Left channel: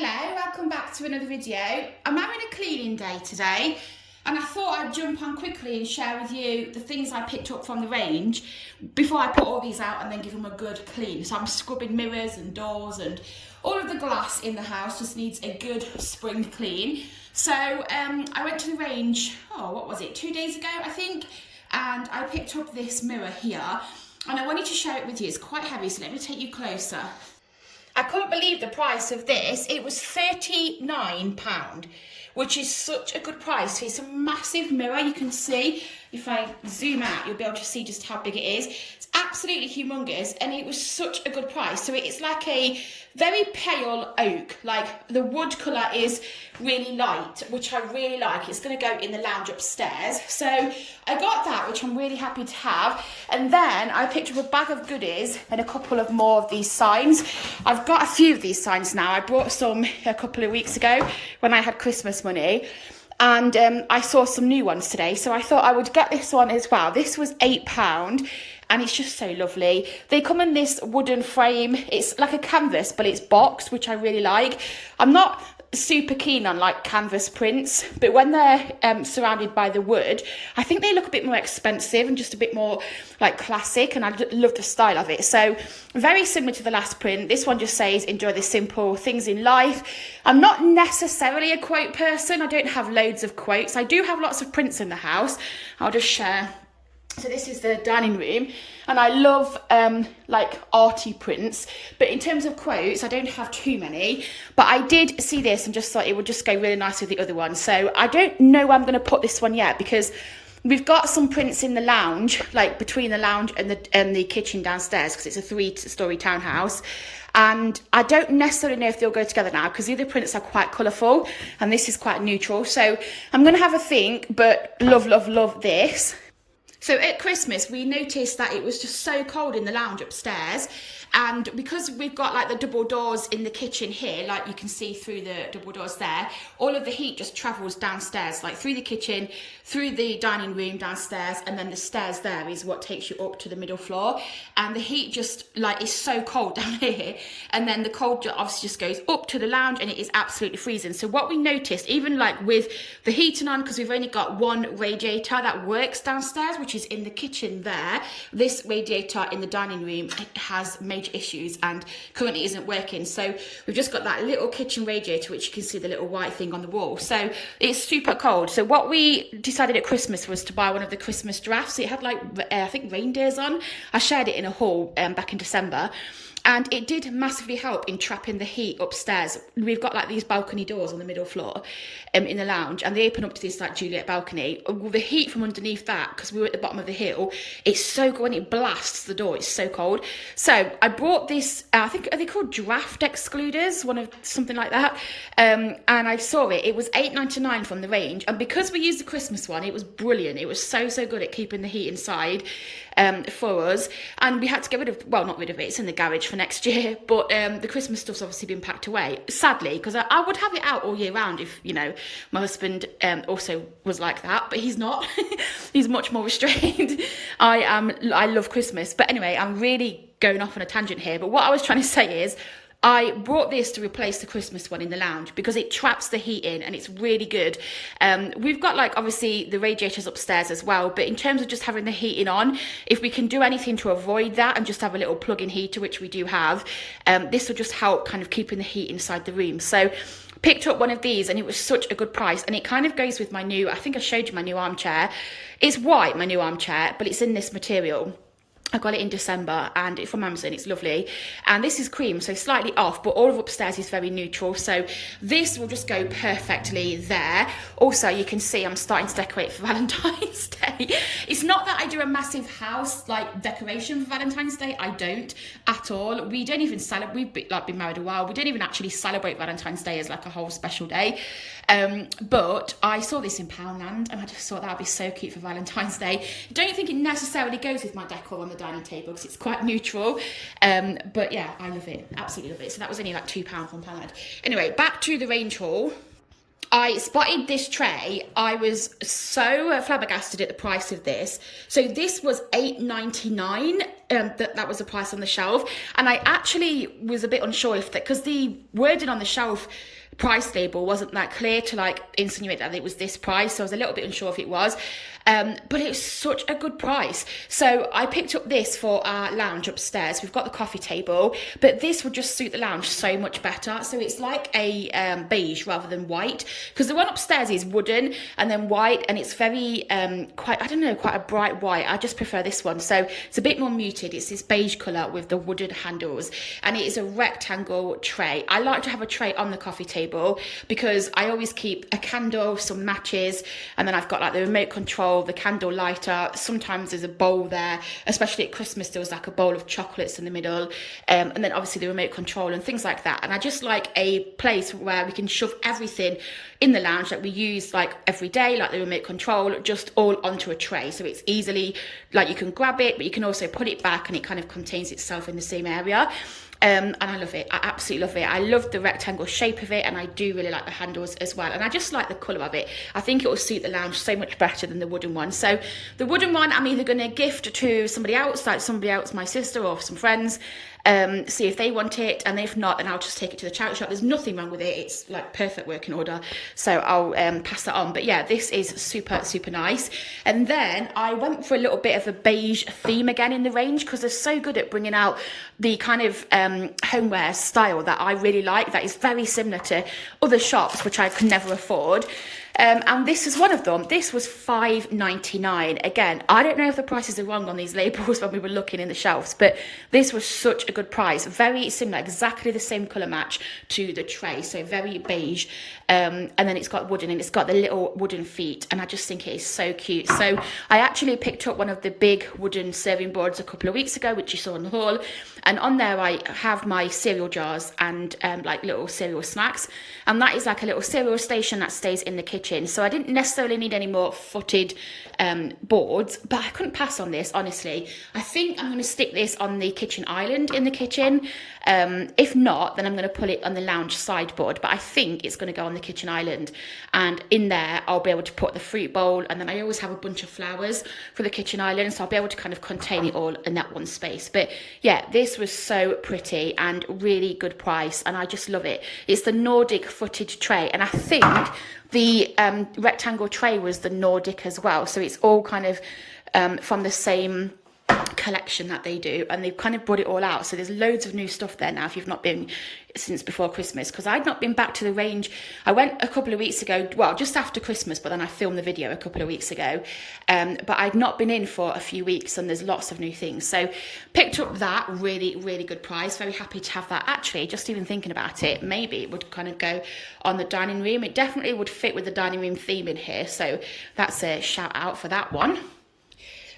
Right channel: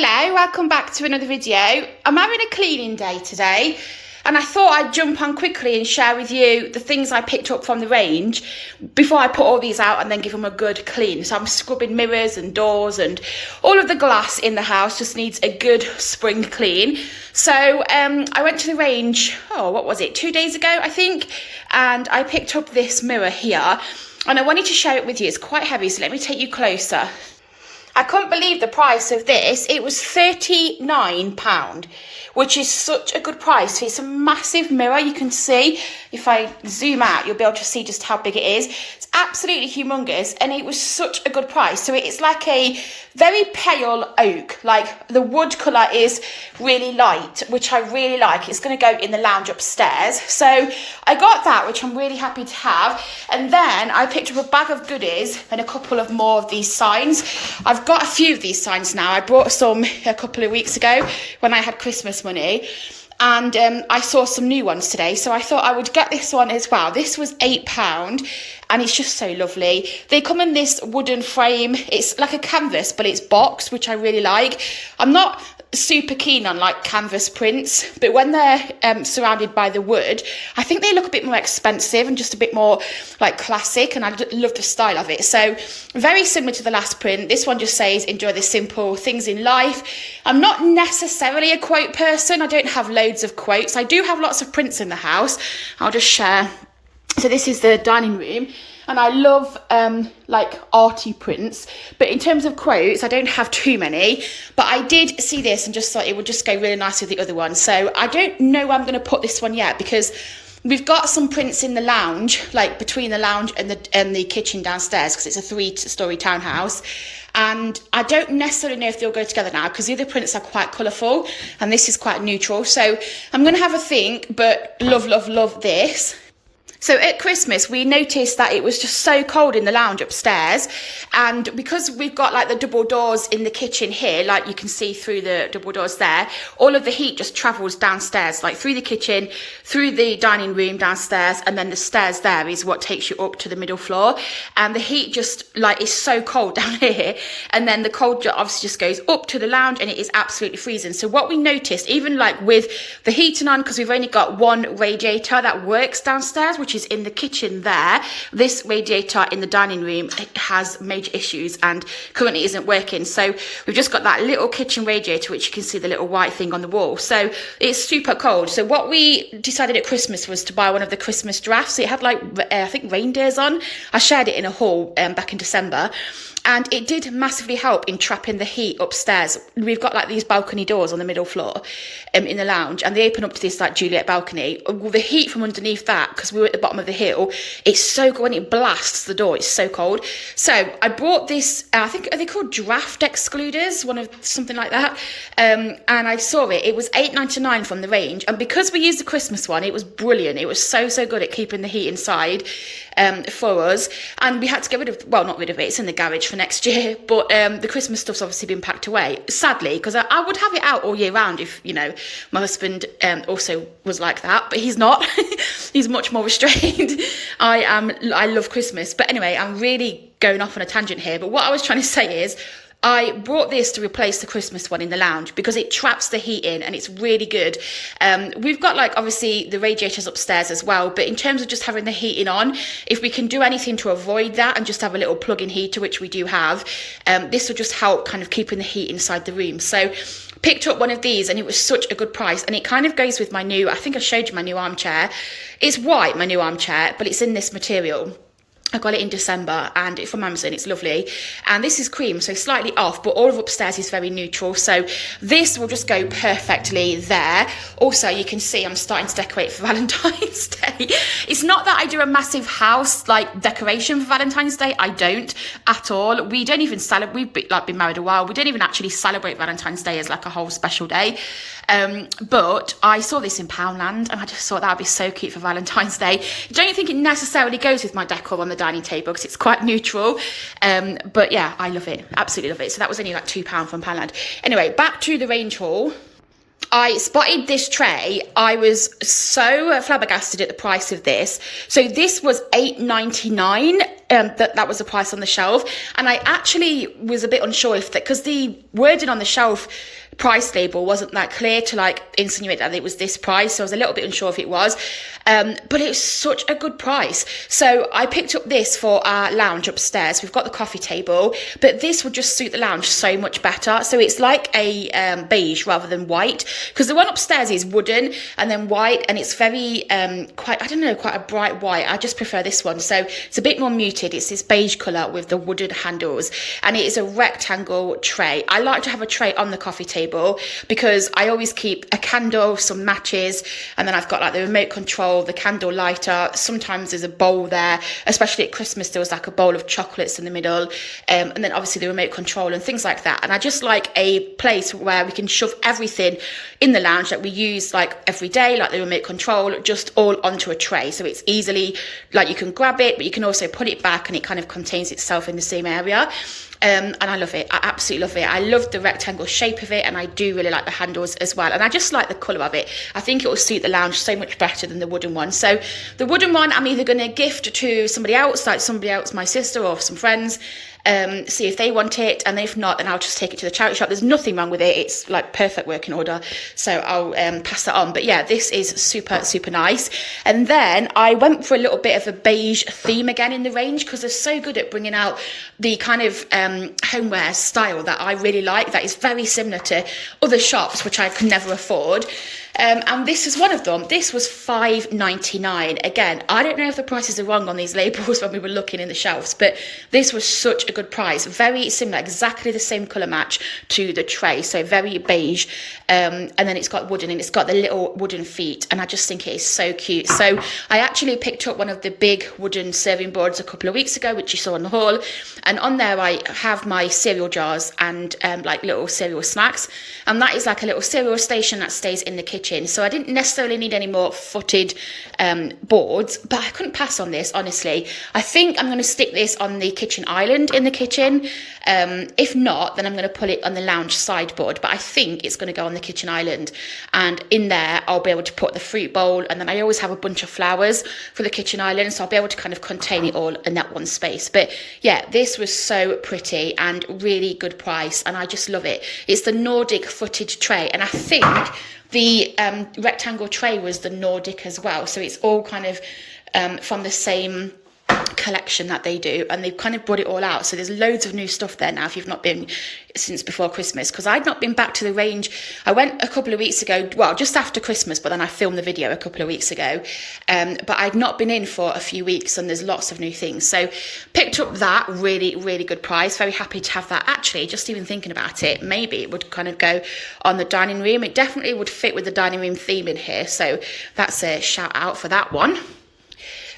Hello, welcome back to another video. I'm having a cleaning day today and I thought I'd jump on quickly and share with you the things I picked up from the range before I put all these out and then give them a good clean. So I'm scrubbing mirrors and doors and all of the glass in the house just needs a good spring clean. So I went to the range, what was it, 2 days ago I think, and I picked up this mirror here and I wanted to share it with you. It's quite heavy, so let me take you closer. I couldn't believe the price of this. It was £39, which is such a good price. It's a massive mirror. You can see, if I zoom out, you'll be able to see just how big it is. It's absolutely humongous, and it was such a good price. So it's like a very pale oak, like the wood colour is really light, which I really like. It's going to go in the lounge upstairs. So I got that, which I'm really happy to have. And then I picked up a bag of goodies and a couple of more of these signs. I've got a few of these signs now. I brought some a couple of weeks ago when I had Christmas money. And I saw some new ones today, so I thought I would get this one as well. This was £8, and it's just so lovely. They come in this wooden frame. It's like a canvas, but it's boxed, which I really like. I'm not super keen on like canvas prints, but when they're surrounded by the wood, I think they look a bit more expensive and just a bit more like classic, and I love the style of it. So very similar to the last print. This one just says enjoy the simple things in life. I'm not necessarily a quote person. I don't have loads of quotes. I do have lots of prints in the house. I'll just share. So this is the dining room. And I love like arty prints, but in terms of quotes, I don't have too many, but I did see this and just thought it would just go really nice with the other one. So I don't know where I'm going to put this one yet, because we've got some prints in the lounge, like between the lounge and the kitchen downstairs, because it's a 3-storey townhouse. And I don't necessarily know if they'll go together now, because the other prints are quite colourful and this is quite neutral. So I'm going to have a think, but love, love, love this. So at Christmas, we noticed that it was just so cold in the lounge upstairs. And because we've got like the double doors in the kitchen here, like you can see through the double doors there, all of the heat just travels downstairs, like through the kitchen, through the dining room downstairs, and then the stairs there is what takes you up to the middle floor. And the heat just like is so cold down here. And then the cold obviously just goes up to the lounge and it is absolutely freezing. So what we noticed, even like with the heating on, because we've only got one radiator that works downstairs, which is in the kitchen there, this radiator in the dining room has major issues and currently isn't working. So we've just got that little kitchen radiator, which you can see the little white thing on the wall. So it's super cold. So what we decided at Christmas was to buy one of the Christmas drafts. It had like I think reindeers on. I shared it in a haul back in December. And it did massively help in trapping the heat upstairs. We've got like these balcony doors on the middle floor in the lounge, and they open up to this like Juliet balcony. The heat from underneath that, because we were at the bottom of the hill, it's so good when it blasts the door. It's so cold. So I brought this, I think, are they called draft excluders? Something like that. And I saw it. It was £8.99 from the range. And because we used the Christmas one, it was brilliant. It was so, so good at keeping the heat inside. For us, and we had to get rid of, well, not rid of it, it's in the garage for next year, but the Christmas stuff's obviously been packed away, sadly, because I would have it out all year round if, you know, my husband also was like that, but he's not. He's much more restrained. I love Christmas, but anyway, I'm really going off on a tangent here, but what I was trying to say is I brought this to replace the Christmas one in the lounge because it traps the heat in and it's really good. We've got like obviously the radiators upstairs as well, but in terms of just having the heating on, if we can do anything to avoid that and just have a little plug-in heater, which we do have, this will just help kind of keeping the heat inside the room. So picked up one of these and it was such a good price, and it kind of goes with my new, I think I showed you my new armchair. It's white, my new armchair, but it's in this material. I got it in December and it's from Amazon. It's lovely. And this is cream, so slightly off, but all of upstairs is very neutral. So this will just go perfectly there. Also, you can see I'm starting to decorate for Valentine's Day. It's not that I do a massive house like decoration for Valentine's Day. I don't at all. We don't even celebrate. We've been married a while. We don't even actually celebrate Valentine's Day as like a whole special day. But I saw this in Poundland and I just thought that would be so cute for Valentine's Day. I don't think it necessarily goes with my decor on the dining table because it's quite neutral. But yeah, I love it. Absolutely love it. So that was only like £2 from Poundland. Anyway, back to the range haul. I spotted this tray. I was so flabbergasted at the price of this. So this was $8.99. That was the price on the shelf. And I actually was a bit unsure if that, because the wording on the shelf price label wasn't that clear to like insinuate that it was this price. So I was a little bit unsure if it was. But it was such a good price. So I picked up this for our lounge upstairs. We've got the coffee table, but this would just suit the lounge so much better. So it's like a beige rather than white, because the one upstairs is wooden and then white, and it's very quite a bright white. I just prefer this one. So it's a bit more muted. It's this beige colour with the wooden handles, and it is a rectangle tray. I like to have a tray on the coffee table because I always keep a candle, some matches, and then I've got like the remote control, the candle lighter. Sometimes there's a bowl there, especially at Christmas there was like a bowl of chocolates in the middle, and then obviously the remote control and things like that. And I just like a place where we can shove everything in the lounge that we use like every day, like the remote control, just all onto a tray. So it's easily like you can grab it, but you can also put it back and it kind of contains itself in the same area. And I love it. I absolutely love it. I love the rectangle shape of it, and I do really like the handles as well. And I just like the colour of it. I think it will suit the lounge so much better than the wooden one. So the wooden one I'm either going to gift to somebody else, my sister or some friends, see if they want it, and if not, then I'll just take it to the charity shop. There's nothing wrong with it. It's like perfect working order, so I'll pass that on. But yeah, this is super nice. And then I went for a little bit of a beige theme again in the range, because they're so good at bringing out the kind of homeware style that I really like, that is very similar to other shops which I could never afford. And this is one of them. This was $5.99. Again, I don't know if the prices are wrong on these labels when we were looking in the shelves, but this was such a good price. Very similar, exactly the same colour match to the tray. So very beige. And then it's got wooden, and it's got the little wooden feet. And I just think it is so cute. So I actually picked up one of the big wooden serving boards a couple of weeks ago, which you saw in the haul. And on there, I have my cereal jars and like little cereal snacks. And that is like a little cereal station that stays in the kitchen. So I didn't necessarily need any more footed boards, but I couldn't pass on this, honestly. I think I'm going to stick this on the kitchen island in the kitchen. If not, then I'm going to put it on the lounge sideboard, but I think it's going to go on the kitchen island, and in there I'll be able to put the fruit bowl, and then I always have a bunch of flowers for the kitchen island, so I'll be able to kind of contain it all in that one space. But yeah, this was so pretty and really good price, and I just love it. It's the Nordic footed tray, and I think the rectangle tray was the Nordic as well, so it's all kind of from the same collection that they do, and they've kind of brought it all out. So there's loads of new stuff there now if you've not been since before Christmas, because I'd not been back to the range. I went a couple of weeks ago, well, just after Christmas, but then I filmed the video a couple of weeks ago, but I'd not been in for a few weeks, and there's lots of new things. So picked up that really good price. Very happy to have that. Actually, just even thinking about it, maybe it would kind of go on the dining room. It definitely would fit with the dining room theme in here, so that's a shout out for that one.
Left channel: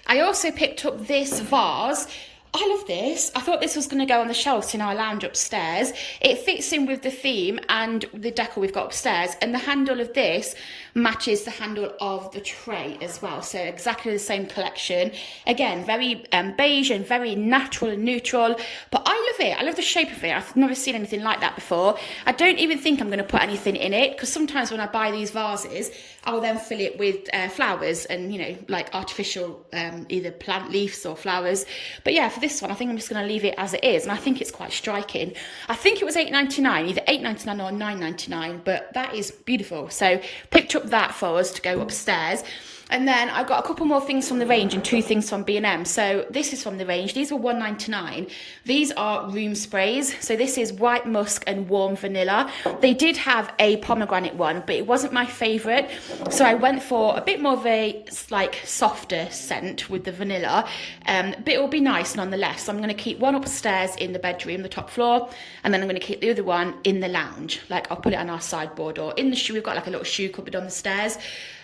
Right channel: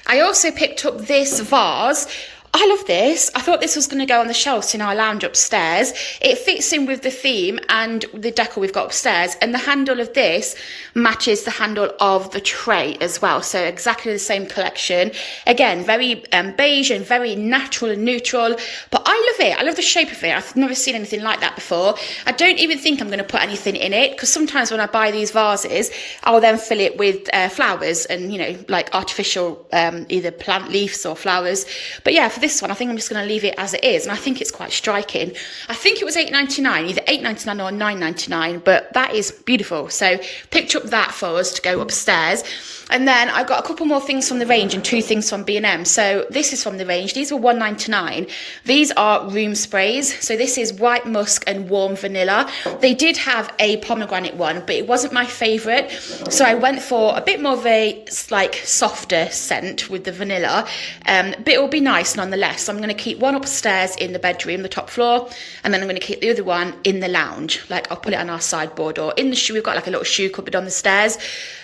I also picked up this vase. I love this. I thought this was going to go on the shelves in our lounge upstairs. It fits in with the theme and the decor we've got upstairs, and the handle of this matches the handle of the tray as well. So exactly the same collection. Again, very beige and very natural and neutral, but I love it. I love the shape of it. I've never seen anything like that before. I don't even think I'm going to put anything in it, because sometimes when I buy these vases, I will then fill it with flowers and, you know, like artificial either plant leaves or flowers. But yeah, for this one, I think I'm just going to leave it as it is, and I think it's quite striking. I think it was $8.99, either $8.99 or $9.99, but that is beautiful. So picked up that for us to go upstairs. And then I got a couple more things from the range and 2 things from B&M. So this is from the range. These were $1.99. These are room sprays. So this is white musk and warm vanilla. They did have a pomegranate one, but it wasn't my favourite. So I went for a bit more of a like softer scent with the vanilla. But it will be nice nonetheless. So I'm going to keep one upstairs in the bedroom, the top floor, and then I'm going to keep the other one in the lounge. Like I'll put it on our sideboard or in the shoe. We've got like a little shoe cupboard on the stairs,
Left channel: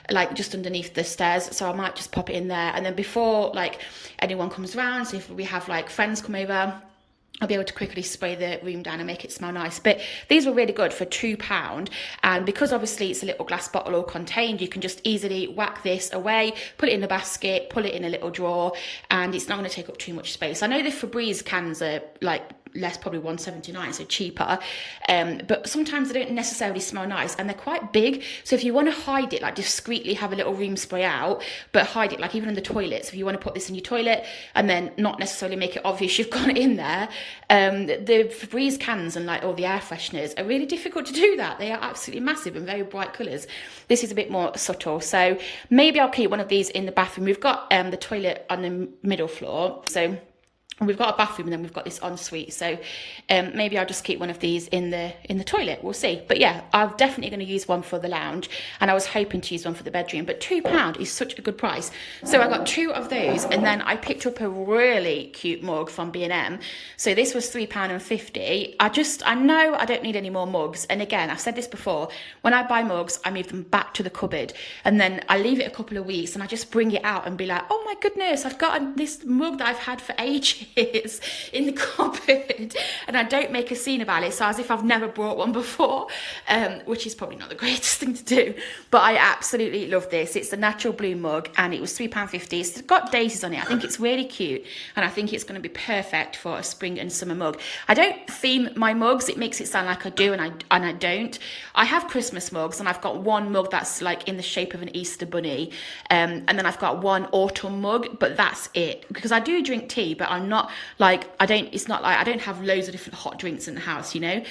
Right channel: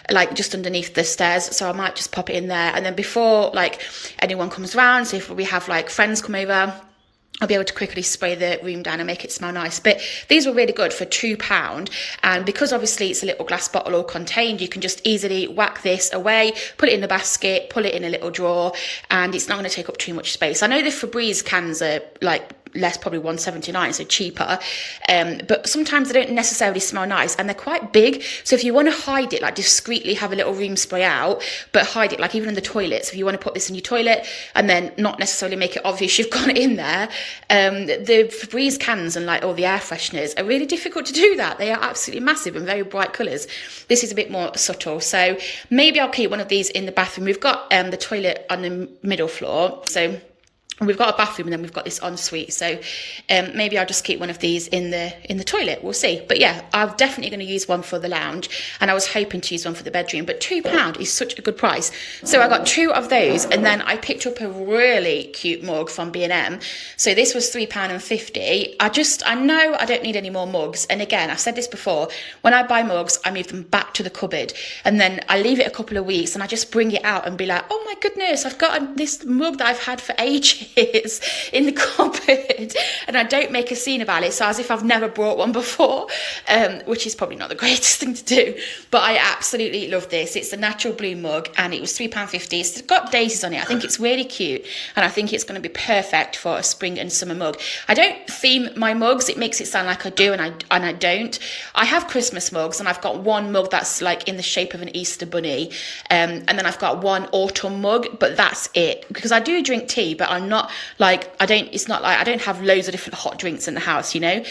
like just underneath the stairs, so I might just pop it in there. And then before like anyone comes around, so if we have like friends come over, I'll be able to quickly spray the room down and make it smell nice. But these were really good for £2, and because obviously it's a little glass bottle all contained, you can just easily whack this away, put it in the basket, pull it in a little drawer, and it's not going to take up too much space. I know the Febreze cans are like less, probably £1.79, so cheaper. But sometimes they don't necessarily smell nice, and they're quite big. So if you want to hide it, like discreetly have a little room spray out, but hide it, like even in the toilets, if you want to put this in your toilet and then not necessarily make it obvious you've got it in there, the Febreze cans and like all the air fresheners are really difficult to do that. They are absolutely massive and very bright colours. This is a bit more subtle, so maybe I'll keep one of these in the bathroom. We've got the toilet on the middle floor, so we've got a bathroom and then we've got this ensuite, so maybe I'll just keep one of these in the toilet. We'll see. But yeah, I'm definitely going to use one for the lounge, and I was hoping to use one for the bedroom, but £2 is such a good price. So I got 2 of those, and then I picked up a really cute mug from B&M. So this was £3.50. I know I don't need any more mugs, and again, I've said this before, when I buy mugs I move them back to the cupboard, and then I leave it a couple of weeks and I just bring it out and be like, oh my goodness, I've got this mug that I've had for ages in the cupboard, and I don't make a scene about it, so as if I've never brought one before, which is probably not the greatest thing to do, but I absolutely love this. It's a natural blue mug, and it was £3.50. It's got daisies on it. I think it's really cute, and I think it's going to be perfect for a spring and summer mug. I don't theme my mugs. It makes it sound like I do, and I don't. I have Christmas mugs, and I've got one mug that's like in the shape of an Easter bunny, and then I've got one autumn mug, but that's it, because I do drink tea, but I'm not like, it's not like I don't have loads of different hot drinks in the house, you know.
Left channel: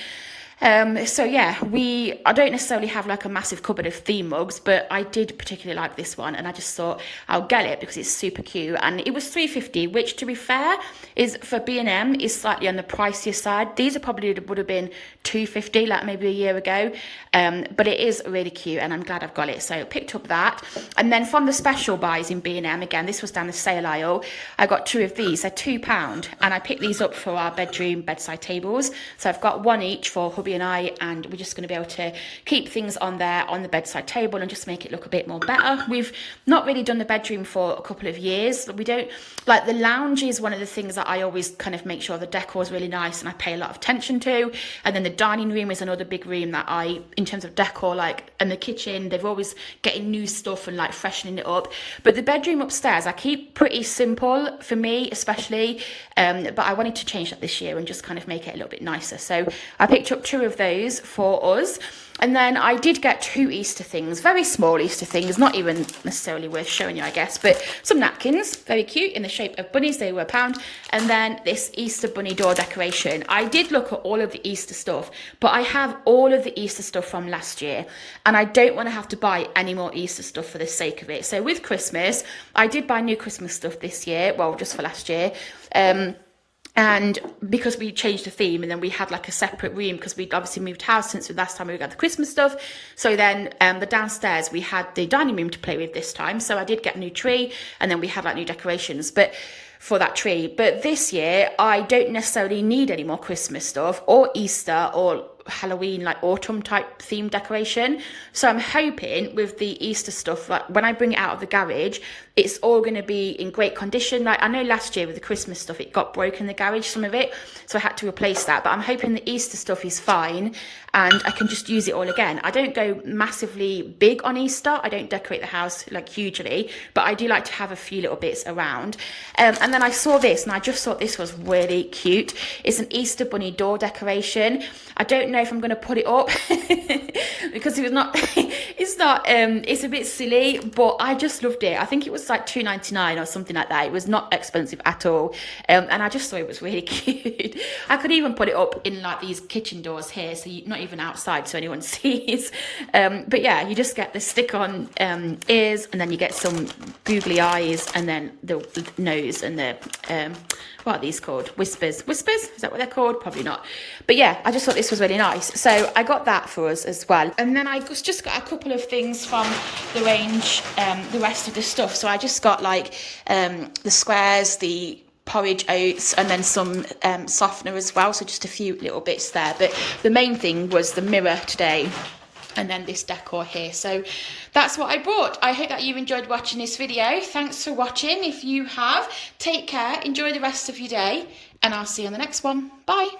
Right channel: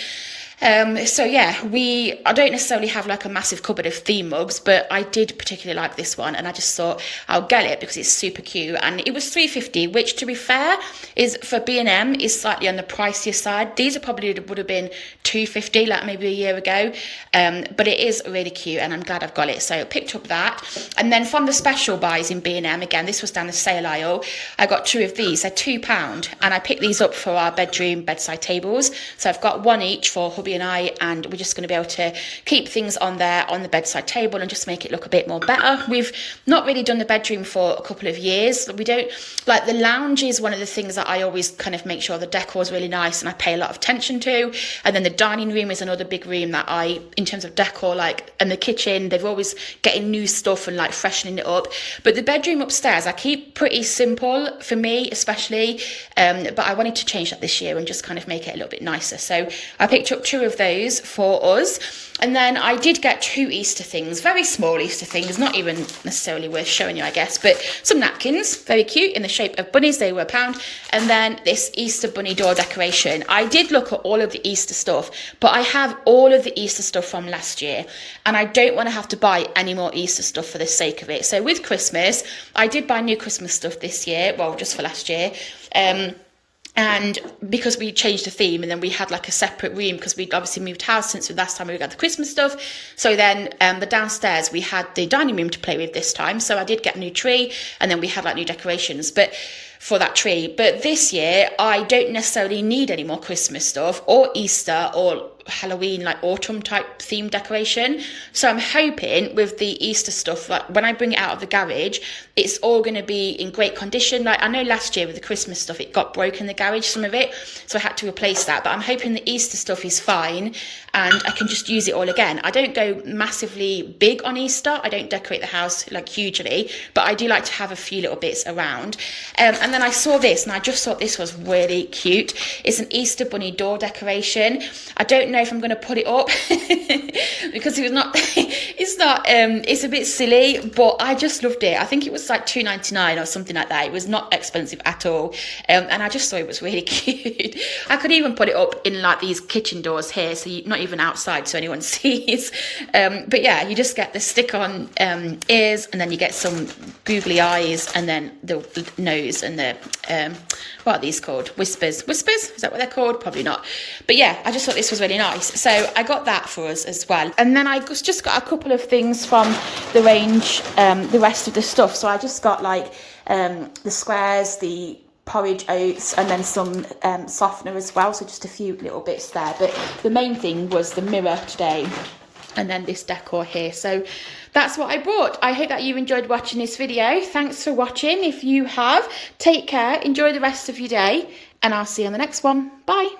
So yeah, I don't necessarily have like a massive cupboard of theme mugs, but I did particularly like this one, and I just thought I'll get it because it's super cute, and it was £3.50, which, to be fair, is for B&M is slightly on the pricier side. These would have been £2.50 like maybe a year ago, but it is really cute, and I'm glad I've got it. So I picked up that, and then from the special buys in B&M, again, this was down the sale aisle, I got 2 of these. They're £2, and I picked these up for our bedroom bedside tables. So I've got one each for hubby and I, and we're just going to be able to keep things on there on the bedside table and just make it look a bit more better. We've not really done the bedroom for a couple of years. We don't like, the lounge is one of the things that I always kind of make sure the decor is really nice and I pay a lot of attention to, and then the dining room is another big room that I, in terms of decor, like, and the kitchen, they're always getting new stuff and like freshening it up. But the bedroom upstairs I keep pretty simple, for me especially, but I wanted to change that this year and just kind of make it a little bit nicer. So I picked up 2 of those for us, and then I did get 2 Easter things, very small Easter things, not even necessarily worth showing you, I guess, but some napkins, very cute, in the shape of bunnies. They were £1, and then this Easter bunny door decoration. I did look at all of the Easter stuff, but I have all of the Easter stuff from last year, and I don't want to have to buy any more Easter stuff for the sake of it. So with Christmas, I did buy new Christmas stuff this year, well, just for last year, and because we changed the theme, and then we had like a separate room because we'd obviously moved house since the last time we got the Christmas stuff. So then the downstairs, we had the dining room to play with this time. So I did get a new tree, and then we had like new decorations for that tree. But this year, I don't necessarily need any more Christmas stuff or Easter or Halloween, like autumn type theme decoration. So I'm hoping with the Easter stuff, like when I bring it out of the garage, it's all going to be in great condition. Like, I know last year with the Christmas stuff, it got broken in the garage, some of it, so I had to replace that. But I'm hoping the Easter stuff is fine and I can just use it all again. I don't go massively big on Easter. I don't decorate the house like hugely, but I do like to have a few little bits around. And then I saw this, and I just thought this was really cute. It's an Easter bunny door decoration. I don't know if I'm going to put it up because it's a bit silly, but I just loved it. I think it was like $2.99 or something like that. It was not expensive at all, and I just thought it was really cute. I could even put it up in like these kitchen doors here, so not even outside so anyone sees, but yeah, you just get the stick-on ears, and then you get some googly eyes, and then the nose, and the what are these called? Whispers? Is that what they're called? Probably not. But yeah, I just thought this was really nice. So I got that for us as well. And then I just got a couple of things from the range, the rest of the stuff. So I just got like the squares, the porridge oats, and then some softener as well. So just a few little bits there. But the main thing was the mirror today, and then this decor here. So that's what I bought. I hope that you enjoyed watching this video. Thanks for watching. If you have, take care, enjoy the rest of your day, and I'll see you on the next one. Bye.